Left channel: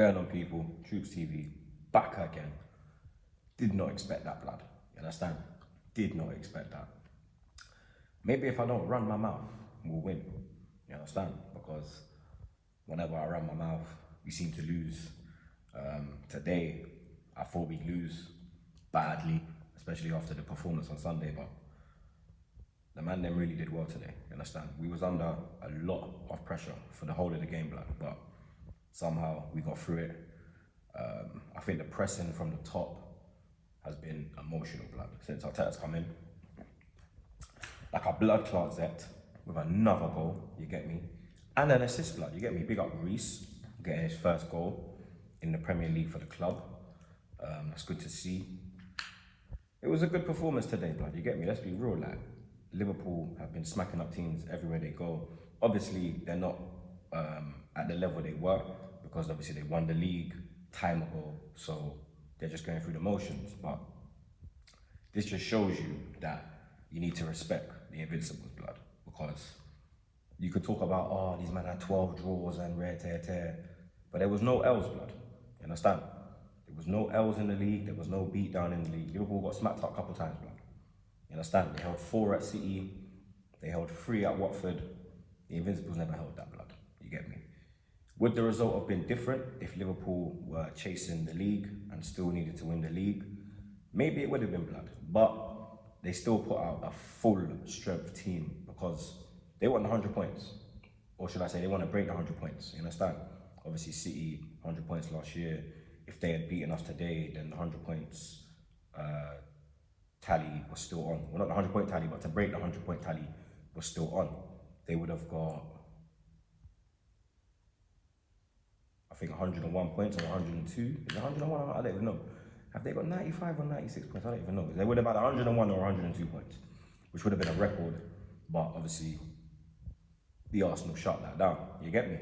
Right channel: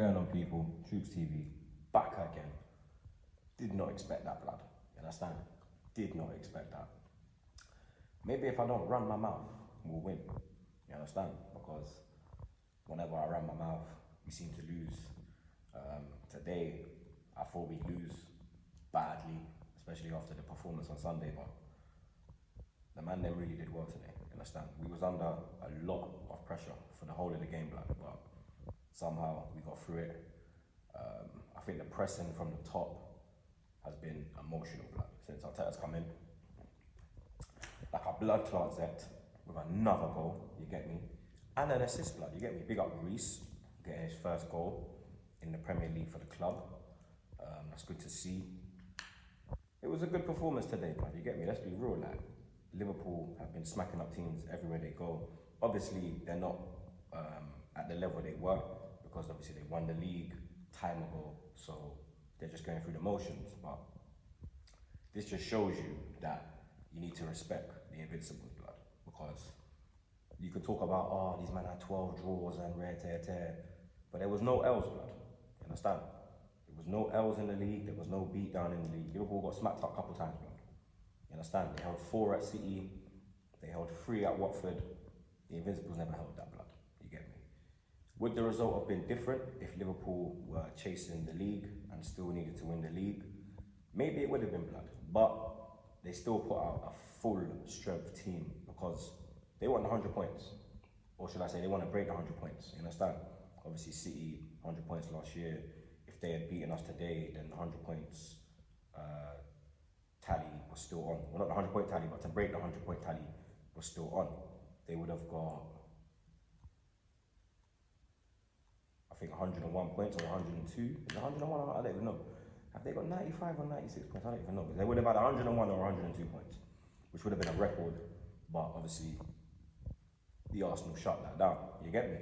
Going on, people? Troops TV, back again. Did not expect that, blood. You understand? Did not expect that. Maybe if I don't run my mouth, we'll win. You understand? Because whenever I run my mouth, we seem to lose. Today, I thought we'd lose badly, especially after the performance on Sunday, but the man them really did well today. You understand? We was under a lot of pressure for the whole of the game, blood, but somehow we got through it. I think the pressing from the top has been emotional, blood, since Arteta's come in. Like a blood clot Zet with another goal, you get me? And an assist, blood, you get me? Big up Reece, getting his first goal in the Premier League for the club. That's good to see. It was a good performance today, blood, you get me? Let's be real, like, Liverpool have been smacking up teams everywhere they go. Obviously, they're not at the level they were, because obviously they won the league time ago, so they're just going through the motions. But this just shows you that you need to respect the Invincibles, blood, because you could talk about, oh, these men had 12 draws and rare tear, but there was no L's, blood. You understand? There was no L's in the league. There was no beat down in the league. Liverpool got smacked up a couple times, blood. You understand? They held 4 at City. They held 3 at Watford. The Invincibles never held that, blood. You get me? Would the result have been different if Liverpool were chasing the league and still needed to win the league? Maybe it would have been, blood. But they still put out a full strength team because they want 100 points. Or should I say, they want to break the 100 points. You understand? Obviously, City, 100 points last year. If they had beaten us today, then the 100 points tally was still on. Well, not the 100 point tally, but to break the 100 point tally was still on. They would have got, I think, 101 points or 102. Is it 101? I don't even know. Have they got 95 or 96 points? I don't even know. They would have had 101 or 102 points, which would have been a record. But obviously, the Arsenal shut that down. You get me?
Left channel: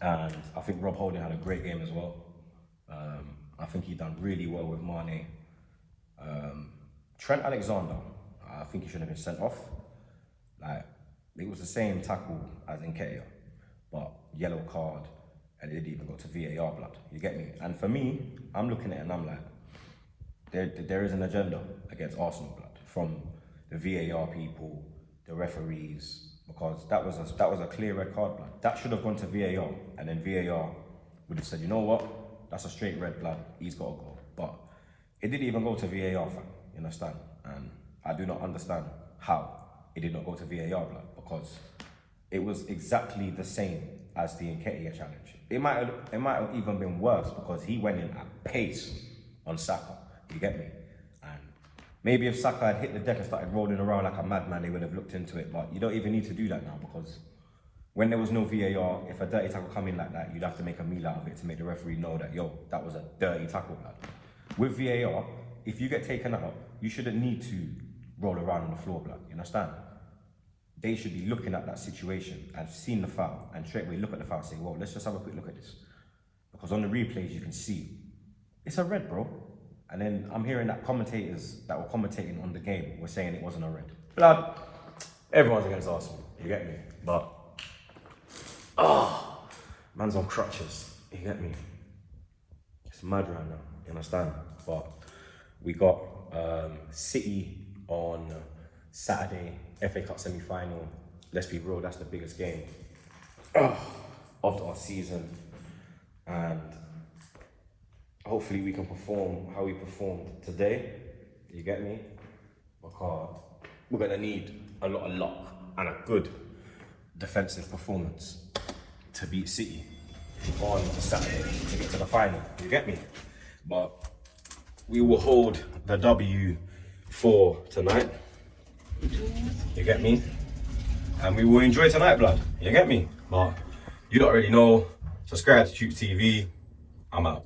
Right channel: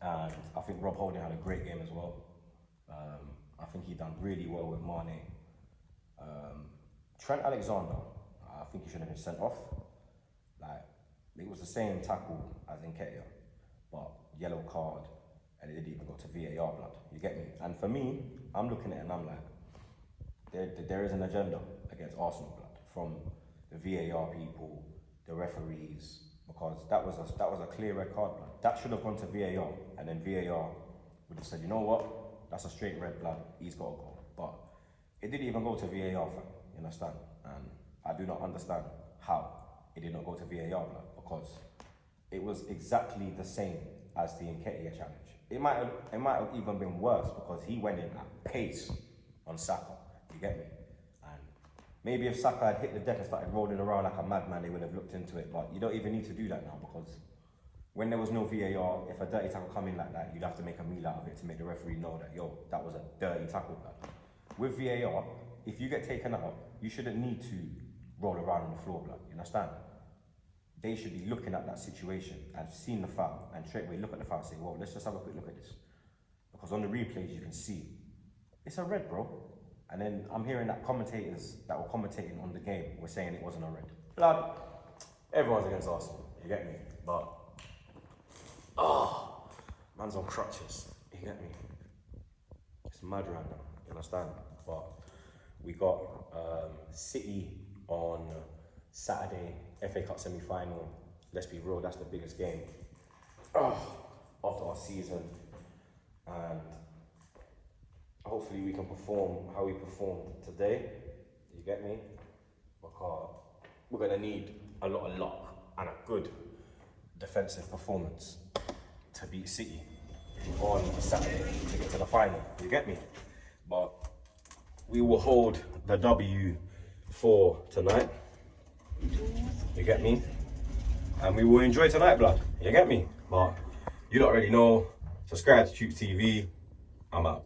And I think Rob Holding had a great game as well. I think he done really well with Mane. Trent Alexander, I think he should have been sent off. Like, it was the same tackle as Nketiah, but yellow card, and it didn't even go to VAR, blood. You get me? And for me, I'm looking at it and I'm like, there is an agenda against Arsenal, blood, from the VAR people, the referees, because that was a clear red card, blood. That should have gone to VAR, and then VAR would have said, you know what? That's a straight red, blood. He's got to go. But it didn't even go to VAR, fam. You understand? And I do not understand how it did not go to VAR, blood, because it was exactly the same as the Nketiah challenge. It might have even been worse because he went in at pace on Saka. You get me? And maybe if Saka had hit the deck and started rolling around like a madman, they would have looked into it. But you don't even need to do that now, because when there was no VAR, if a dirty tackle come in like that, you'd have to make a meal out of it to make the referee know that, yo, that was a dirty tackle, blood. With VAR, if you get taken out, you shouldn't need to roll around on the floor, blood. You understand? They should be looking at that situation and seeing the foul and straight away look at the foul and say, well, let's just have a quick look at this. Because on the replays, you can see it's a red, bro. And then I'm hearing that commentators that were commentating on the game were saying it wasn't a red. Blood, everyone's against Arsenal, you get me? But, man's on crutches, you get me? It's mad right now, you understand? But we got City on Saturday, FA Cup semi-final. Let's be real, that's the biggest game of our season. And hopefully we can perform how we performed today, you get me? Because we're gonna need a lot of luck and a good defensive performance to beat City on Saturday to get to the final, you get me? But we will hold the W for tonight, you get me? And we will enjoy tonight, blood, you get me? But you don't already know. Subscribe to Troops TV. I'm out.